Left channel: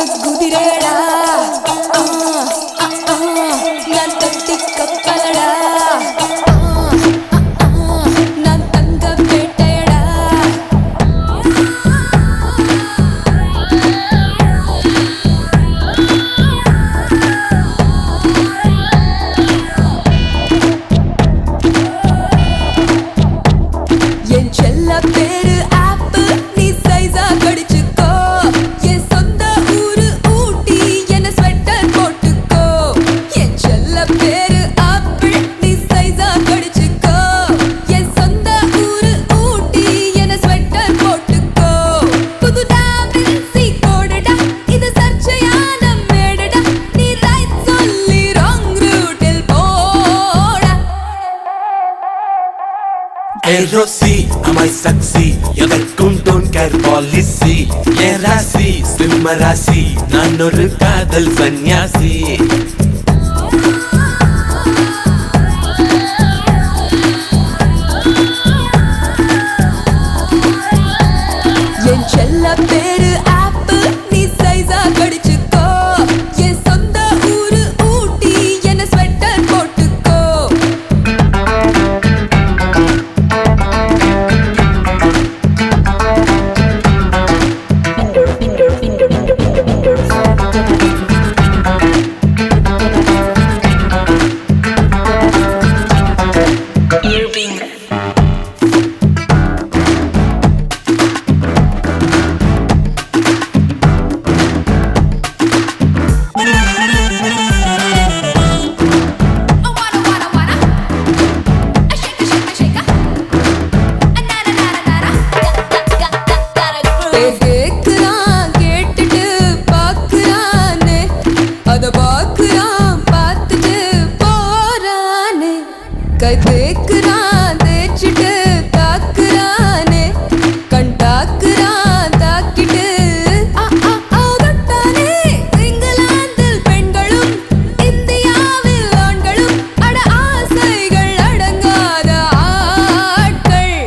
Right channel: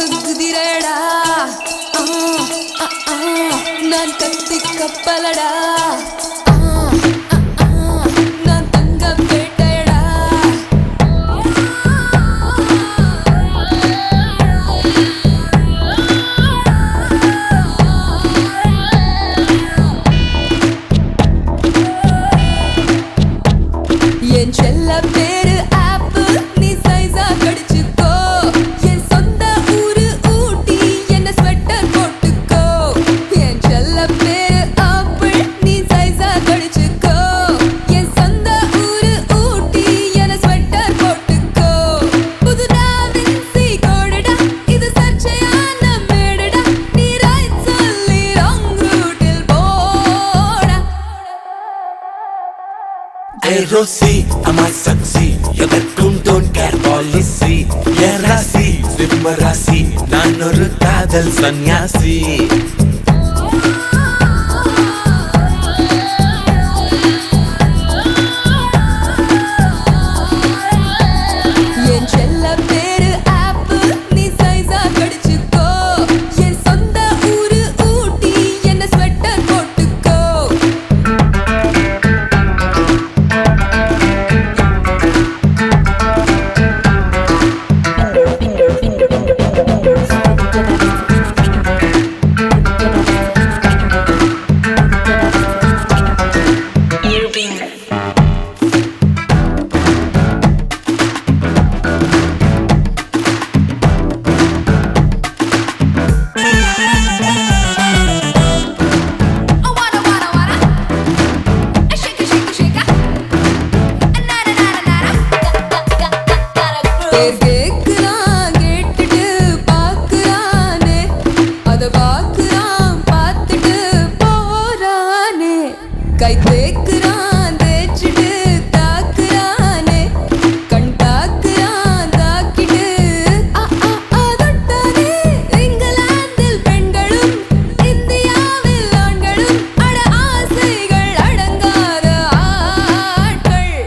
குதிரடா நான் கத்தி கப்பலடா நான் தங்க வேட்டையடா என் செல்ல பேரு ஆப்பு நீ சைஸா கடிச்சுக்கோ என் சொந்த ஊரு ஊட்டி என்ன ஸ்வெட்டர் போட்டுக்கோ என் செல்ல பேரு ஆப்பு நீ சைஸா கடிச்சுக்கோ என் சொந்த ஊரு ஊட்டி என்ன ஸ்வெட்டர் போட்டுக்கோ புதுதா மிக்ஸி கோடடா இது சர்ச்சையான மேடடா நீ ரைட் சொல்லி ராங் ரூட்டில் போடா Hey Rosie, I'm a sexy. எனக்கும் don't care policy. என் ராசி சிம்ம ராசி, நான் ஒரு காதல் சன்னியாசி. என் செல்ல பேரு ஆப்பு நீ சைஸா கடிச்சுக்கோ என் சொந்த ஊரு ஊட்டி என்ன ஸ்வெட்டர் போட்டுக்கோ கேக்குறான் கேட்டுட்டு பாக்குறானே அத பாக்குறான் பார்த்துட்டு போறானே கை தேக்குறான் தேய்ச்சிட்டு தாக்குறானே கண் தாக்குறான் தாக்கிட்டு ஆகட்டானே இங்கிலாந்தில் பெண்களும் இந்தியாவில் ஆண்களும் அட ஆசைகள் அடங்காத ஆட்கள்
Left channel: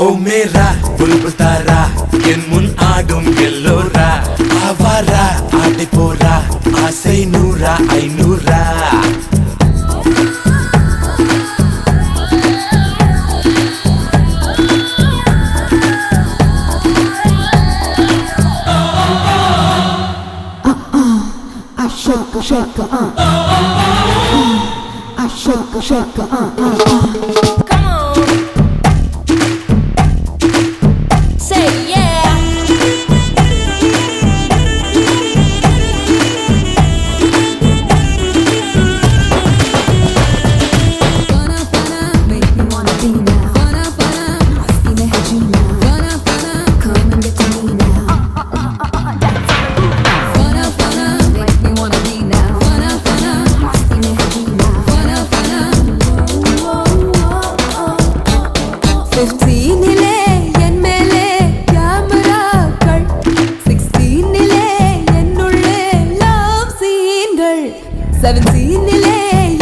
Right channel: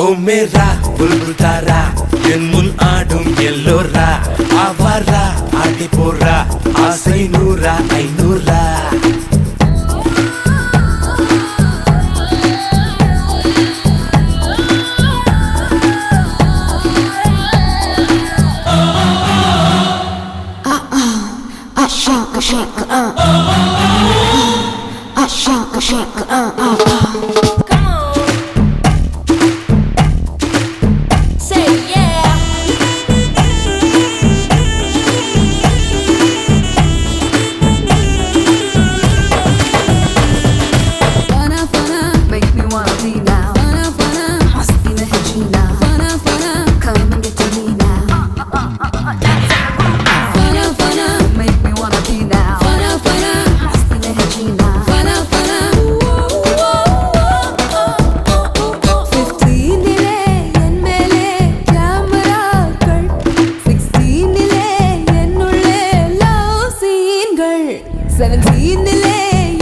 ஓ மேரா புல்புல் தாரா, என் முன் ஆடும் எல்லோரா, ஆவாரா ஆடி போறா, ஆசை நூறா ஐநூறா. I shake, shake, I shake, shake, Come on. Say yeah. Make me wanna be now. Husky na hai jeena. Come and get to me now. Make me wanna be now. Husky na hai jeena. 15 என் மேலே கேமராக்கள் 16 என்னுள்ளே love சீன்கள் 17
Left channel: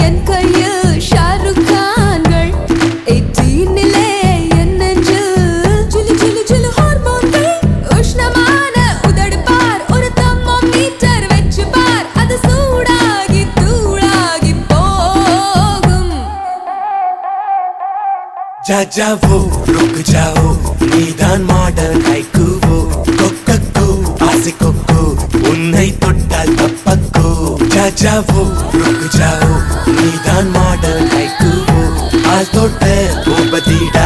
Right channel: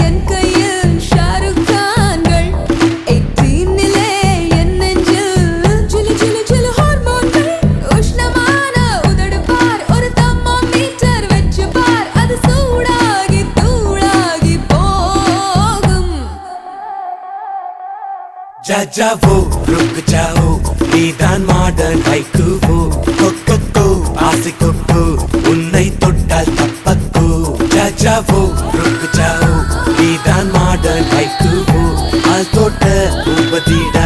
என் கையில் ஷாருக் கான்கள் 18 என் நெஞ்சில் சிலு சிலு சிலு ஹார்மோன்கள் உஷ்ணமான உதடு பார் ஒரு தெர்மோமீட்டர் வச்சு பார் அது சூடாகி தூளாகி போகும் जा जाओ रुक जाओ, நீதான் மாடல் கைக்குவோ கொக்கோ ஆசிக்கோ உன்னை தொட்டால் தப்பக்கோ. जा जाओ रुक जाओ, நீதான் மாடல் கைக்குவோ ஆள் தொட்ட பூபதிட